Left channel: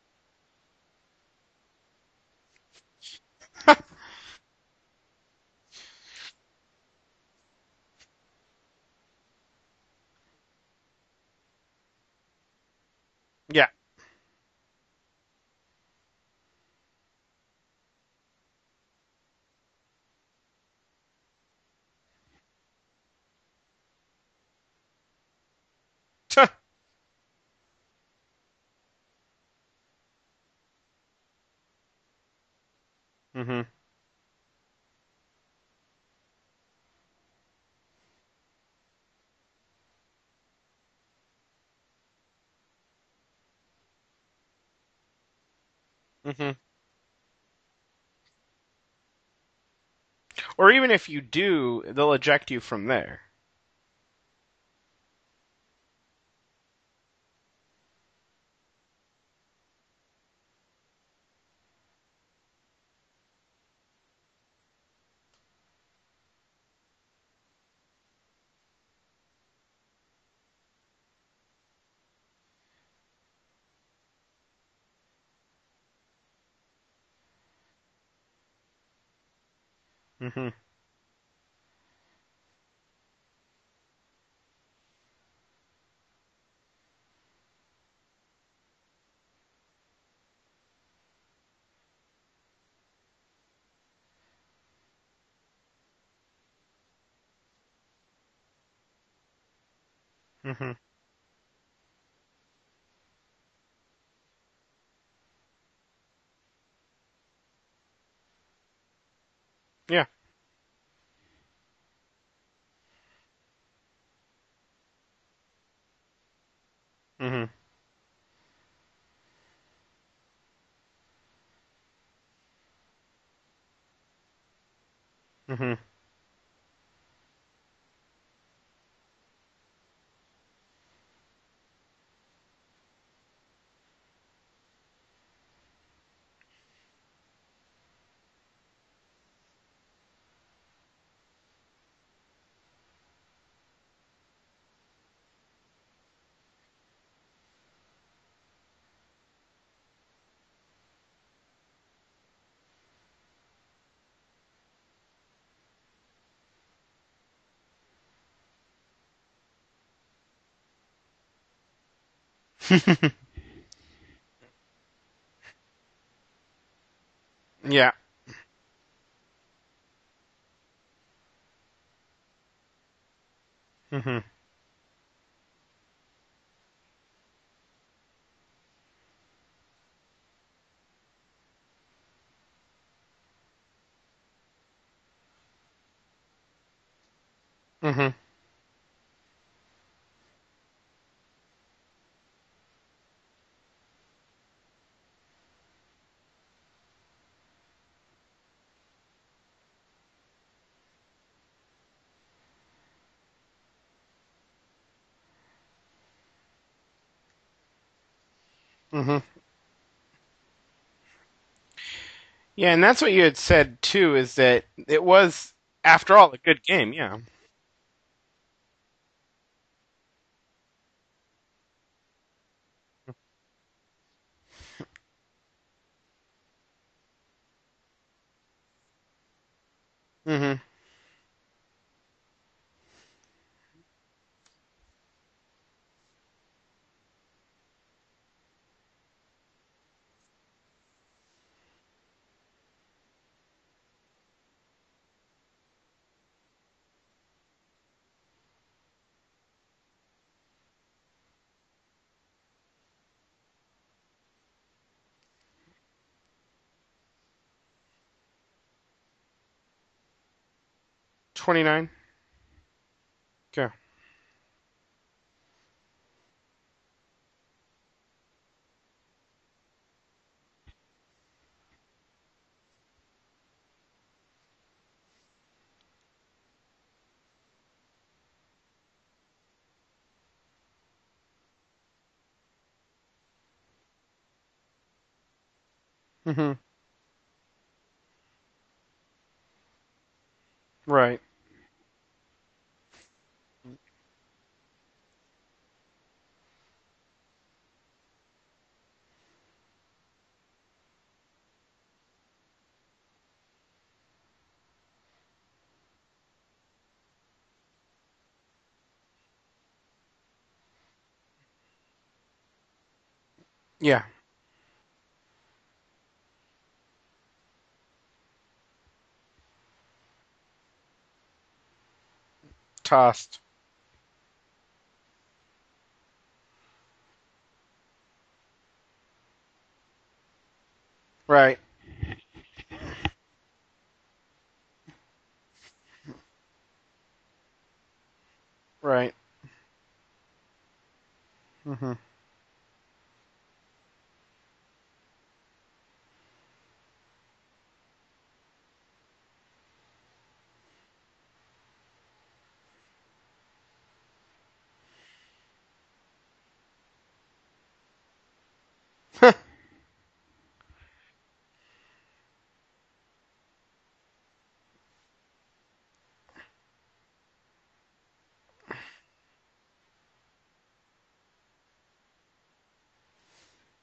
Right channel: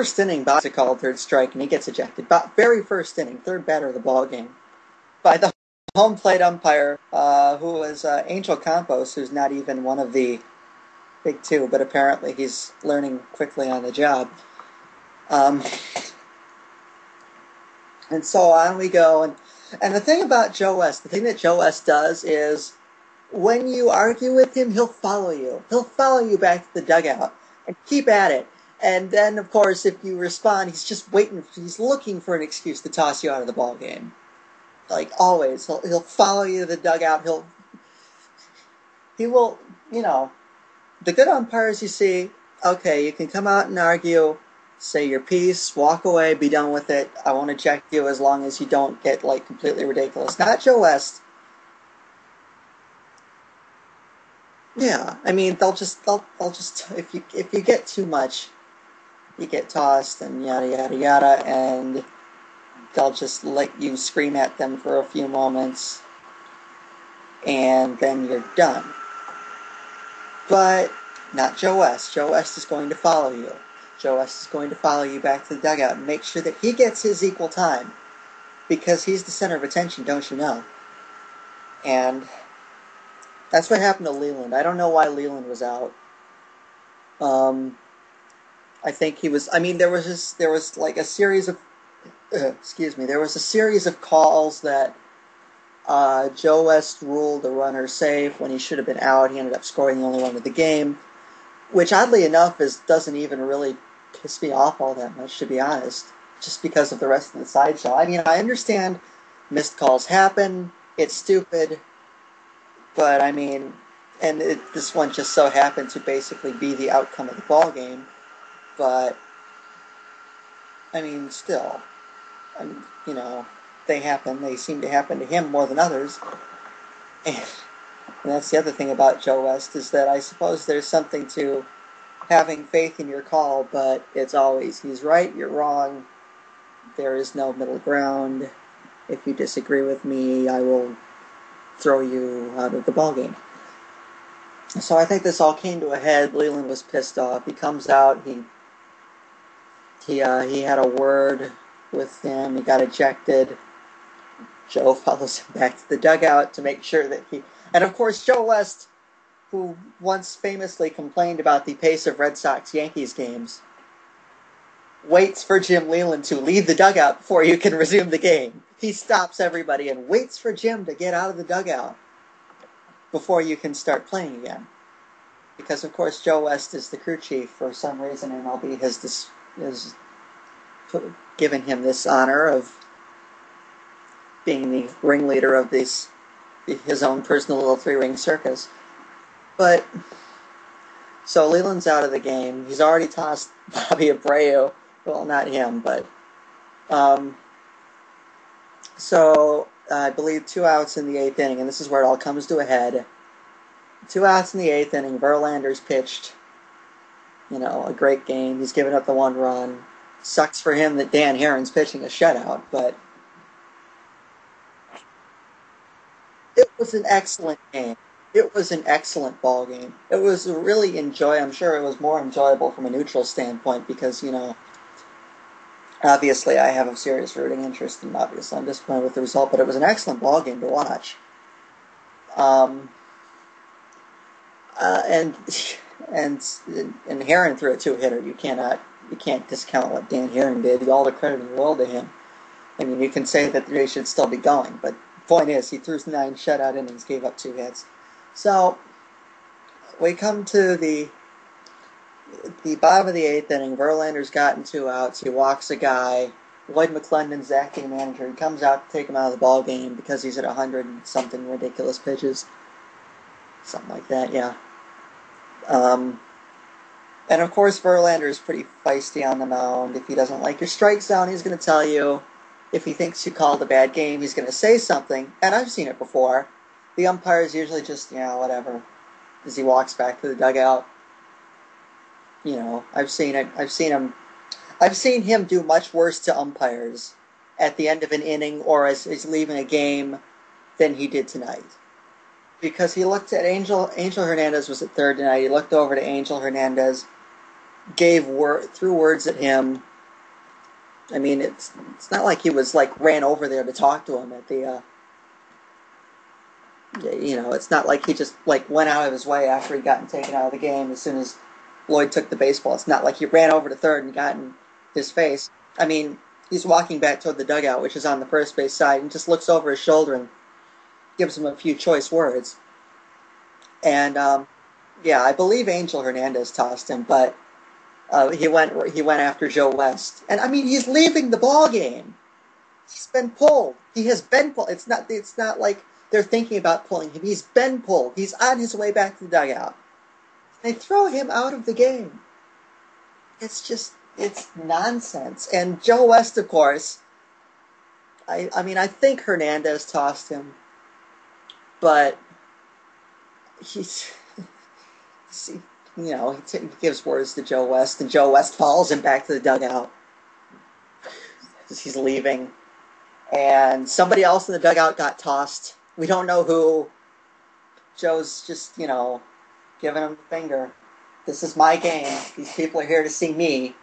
first inning, Box called third strike, and he gets ejected. Very first inning, third batter of the ball game, by the home plate umpire, who was Angel Campos, who's not even one of the big two, but apparently he's learning quickly on the job. And so on we go, and the thing about Joe West, the thing that Joe West does is, when you argue with him, he'll follow you. He'll follow you back to the dugout and keep at it. And then, of course, if you respond, he's just waiting. He's looking for an excuse to toss you out of the ball game. Like always, he'll follow you to the dugout. He will, the good umpires you see, okay, you can come out and argue, say your piece, walk away, be done with it. I won't eject you as long as you don't get completely ridiculous. Or even if you do, they'll eject you from there. Yeah, I mean they'll just if you get too much, you get tossed and yada yada yada, and they'll just let you scream at them for a few moments, and then you're done. But not Joe West. Joe West is going to follow you. Joe West is going to follow you back to the dugout and make sure that he gets his equal time, because he's the center of attention, don't you know? And that's what happened to Leland. I don't know why Leland was out. I think he was. I mean, there was like a series of. There was a series of calls that Joe West ruled the runner safe when he should have been out. He ended up scoring the only run of the game, which oddly enough doesn't even really piss me off all that much, to be honest, just because of the rest of the sideshow. I mean, I understand missed calls happen. It's stupid. But, I mean, and this one just so happened to basically be the outcome of the ball game. But, I mean, still, they happen. They seem to happen to him more than others. And that's the other thing about Joe West, is that I suppose there's something to having faith in your call, but it's always, he's right, you're wrong. There is no middle ground. If you disagree with me, I will throw you out of the ballgame. So I think this all came to a head. Leland was pissed off. He comes out. He had a word with him. He got ejected. Joe follows him back to the dugout to make sure that he... And of course, Joe West, who once famously complained about the pace of Red Sox-Yankees games, waits for Jim Leland to leave the dugout before you can resume the game. He stops everybody and waits for Jim to get out of the dugout before you can start playing again. Because, of course, Joe West is the crew chief for some reason, and MLB has given him this honor of being the ringleader of his own personal little three-ring circus. But, so Leland's out of the game. He's already tossed Bobby Abreu. Well, not him, but... So, I believe 2 outs in the 8th inning, and this is where it all comes to a head. 2 outs in the 8th inning, Verlander's pitched, a great game. He's given up the 1 run. Sucks for him that Dan Herron's pitching a shutout. Yeah, and that's what you had said, too, is that it was, after all, a good game. It was an excellent game. It was an excellent ball game. It was really I'm sure it was more enjoyable from a neutral standpoint because, obviously, I have a serious rooting interest, and obviously I'm disappointed with the result, but it was an excellent ball game to watch. And Herron threw a 2-hitter. You can't discount what Dan Herron did. All the credit in the world to him. I mean, you can say that they should still be going, but the point is, he threw 9 shutout innings, gave up 2 hits. So we come to the bottom of the 8th inning. Verlander's gotten 2 outs. He walks a guy. Lloyd McClendon's the acting manager. He comes out to take him out of the ball game because he's at 100 and something 29. ridiculous pitches. Okay. Something like that, yeah. And of course, Verlander is pretty feisty on the mound. If he doesn't like your strike zone, he's going to tell you. If he thinks you called a bad game, he's going to say something. And I've seen it before. The umpires usually just, whatever, as he walks back to the dugout. I've seen it. I've seen him do much worse to umpires at the end of an inning or as he's leaving a game than he did tonight. Because he looked at Angel Hernandez was at third tonight. He looked over to Angel Hernandez, threw words at him. I mean, it's not like he was like ran over there to talk to him at the. It's not like he just like went out of his way after he'd gotten taken out of the game as soon as Lloyd took the baseball. It's not like he ran over to third and got in his face. I mean, he's walking back toward the dugout, which is on the first base side, and just looks over his shoulder and gives him a few choice words. Tossed. And I believe Angel Hernandez tossed him, but he went after Joe West, and I mean he's leaving the ball game. He's been pulled. He has been pulled. It's not like they're thinking about pulling him. He's been pulled. He's on his way back to the dugout. They throw him out of the game. It's nonsense. And Joe West, of course. I think Hernandez tossed him, but he gives words to Joe West, and Joe West follows him back to the dugout as he's leaving. And somebody else in the dugout got tossed. We don't know who. Joe's just, giving him the finger. This is my game. These people are here to see me.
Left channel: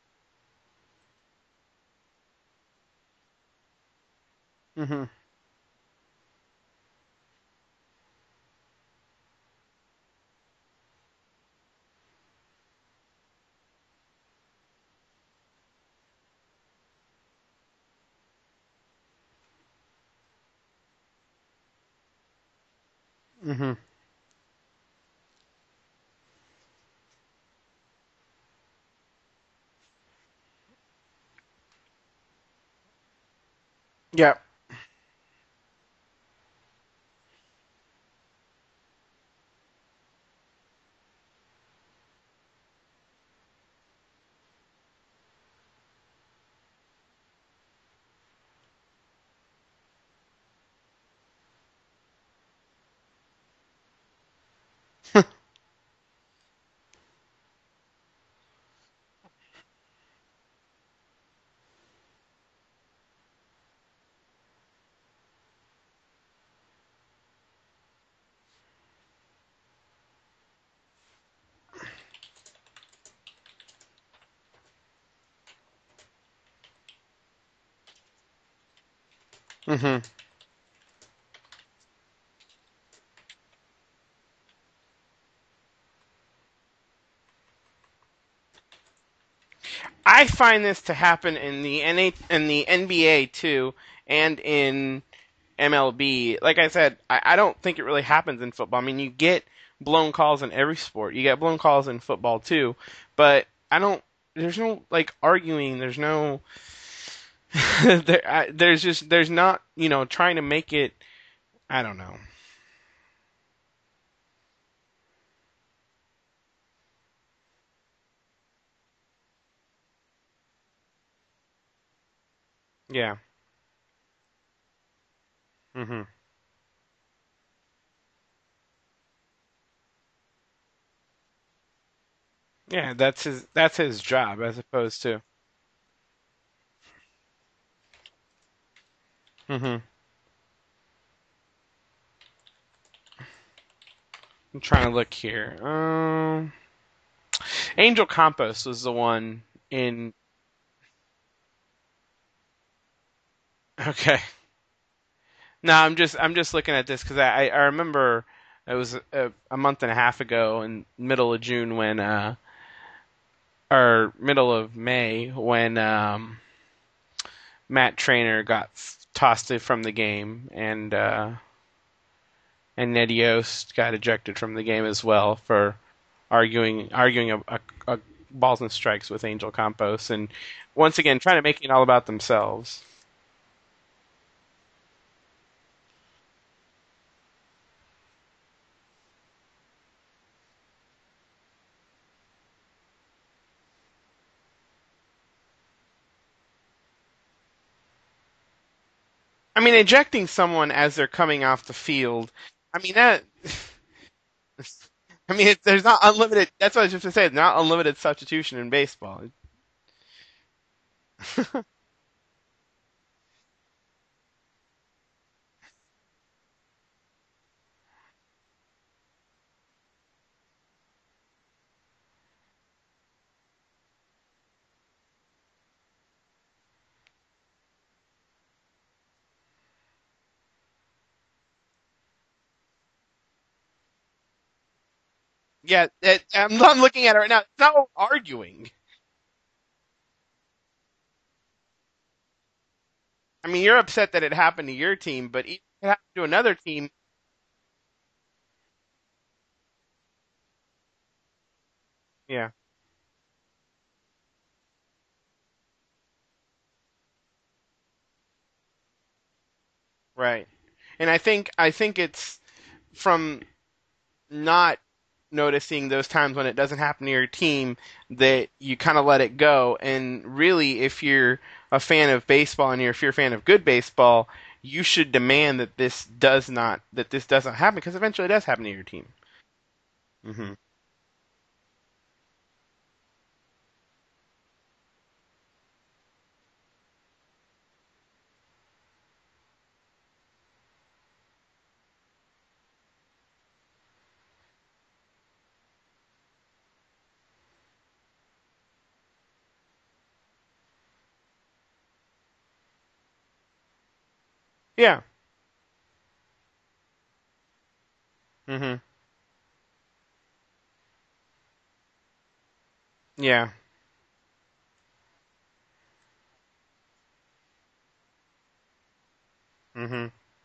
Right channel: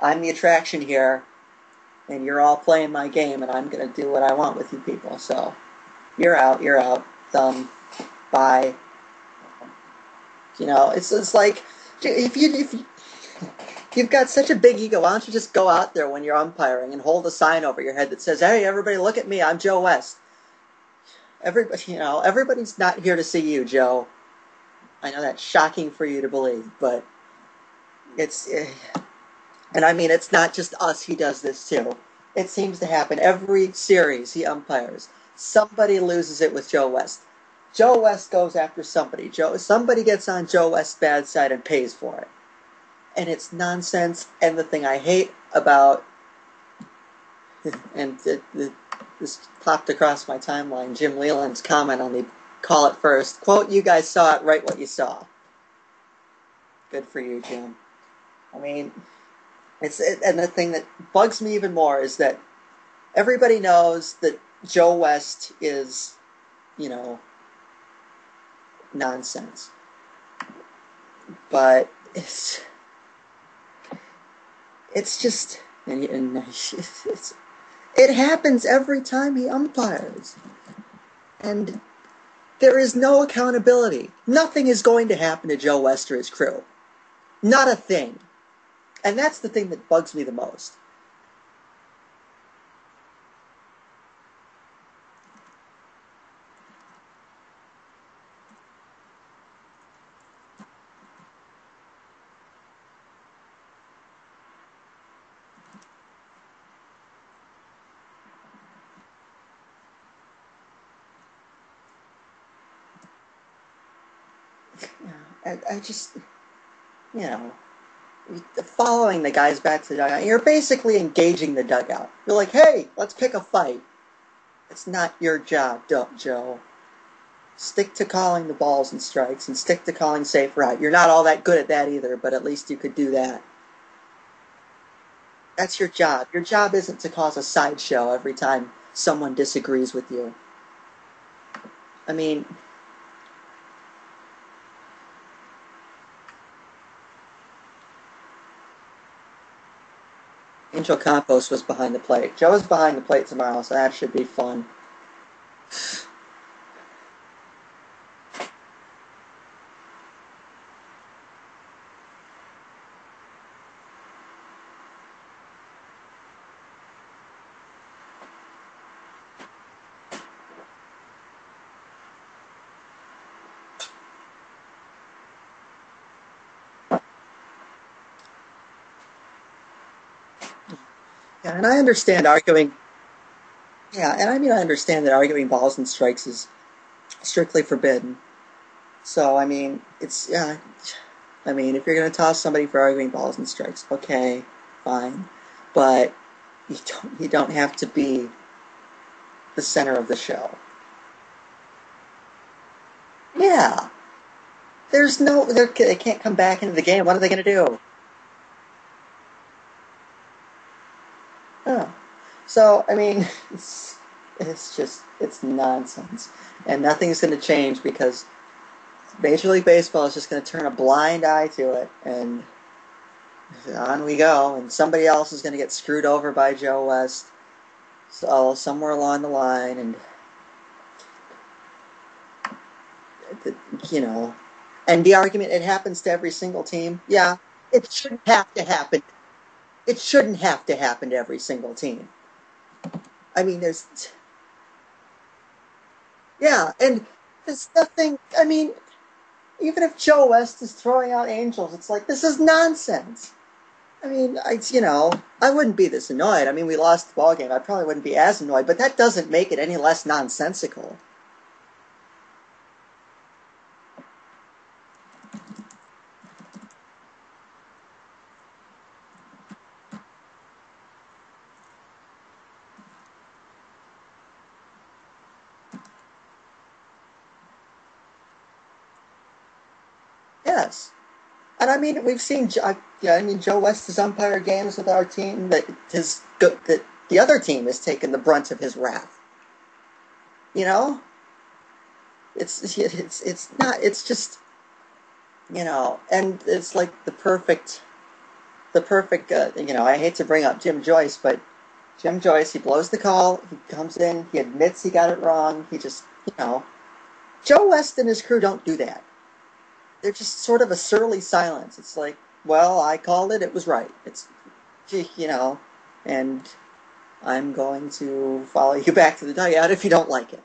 I'm the attraction here. And you're all playing my game, and I'm going to do what I want with you people. So, you're out. Done. Bye. It's like, if you've got such a big ego, why don't you just go out there when you're umpiring and hold a sign over your head that says, "Hey, everybody, look at me. I'm Joe West." Everybody's not here to see you, Joe. I know that's shocking for you to believe, but and I mean, it's not just us. He does this too. It seems to happen every series he umpires. Somebody loses it with Joe West. Joe West goes after somebody. Somebody gets on Joe West's bad side and pays for it. And it's nonsense. And the thing I hate about, and this popped across my timeline, Jim Leland's comment on the call it first. Quote, "You guys saw it, write what you saw." Good for you, Jim. I mean, and the thing that bugs me even more is that everybody knows that Joe West is, nonsense. But it's just, it happens every time he umpires. And there is no accountability. Nothing is going to happen to Joe West or his crew. Not a thing. And that's the thing that bugs me the most. I find this to happen in the NBA too, and in MLB. Like I said, I don't think it really happens in football. I mean, you get blown calls in every sport. You get blown calls in football too, but there's no like arguing. There's no. There's not trying to make it. I don't know. I just following the guys back to the dugout. You're basically engaging the dugout. You're like, hey, let's pick a fight. It's not your job, Joe. Stick to calling the balls and strikes, and stick to calling safe route. You're not all that good at that either, but at least you can do that. That's his job, as opposed to. That's your job. Your job isn't to cause a sideshow every time someone disagrees with you. I mean, I'm trying to look here. Angel Campos was the one in. Angel Campos was behind the plate. Joe is behind the plate tomorrow, so that should be fun. No, I'm just looking at this because I remember it was a month and a half ago in middle of June when or middle of May when Matt Trainer got tossed from the game and Ned Yost got ejected from the game as well for arguing a balls and strikes with Angel Campos, and once again trying to make it all about themselves. And I understand that arguing balls and strikes is strictly forbidden. So, I mean, if you're going to toss somebody for arguing balls and strikes, okay, fine. But you don't have to be. I mean, ejecting someone as they're coming off the field. I mean that. Yeah. There's no. There's not unlimited. Back That's in what the game. What are they not unlimited substitution in baseball. So, I mean, it's nonsense. And nothing's going to change because Major League Baseball is just going to turn a blind eye to it. And on we go, and somebody else is going to get screwed over by Joe West, so somewhere along the line, and you know, and the argument it Yeah, happens to every single I'm team. looking at it right Yeah, now. It's not it what I'm shouldn't have arguing. to happen. It shouldn't have to happen to every single team. I I mean, mean, you're there's upset that it happened to your team, but it happened to another yeah, team. and there's nothing. I mean, even if Joe West is throwing out angels, it's like this is Yeah, nonsense. I mean, I wouldn't be this annoyed. I mean, we lost the ball game. I probably wouldn't be as annoyed, but that doesn't make it any less right. nonsensical. And I think it's from not noticing those times when it doesn't happen to your team that you kind of let it go. And really, if you're a fan of baseball and if you're a fan of good baseball, you should demand that this doesn't happen because eventually it does happen to your team. Hmm. Yes, and I mean, we've seen. Yeah, I mean, Joe West has umpired games with our team that the other team has taken the brunt of his wrath. You know, it's not. It's just and it's like the perfect. I hate to bring up Jim Joyce, but Jim Joyce, he blows the call. He comes in. He admits he Yeah. got it wrong. He just, Joe West and his crew don't do Hmm. that. They're just sort of a surly silence. It's like, well, I called it. Yeah. It was right. And I'm going to follow you back to the dugout if you Hmm. don't like it.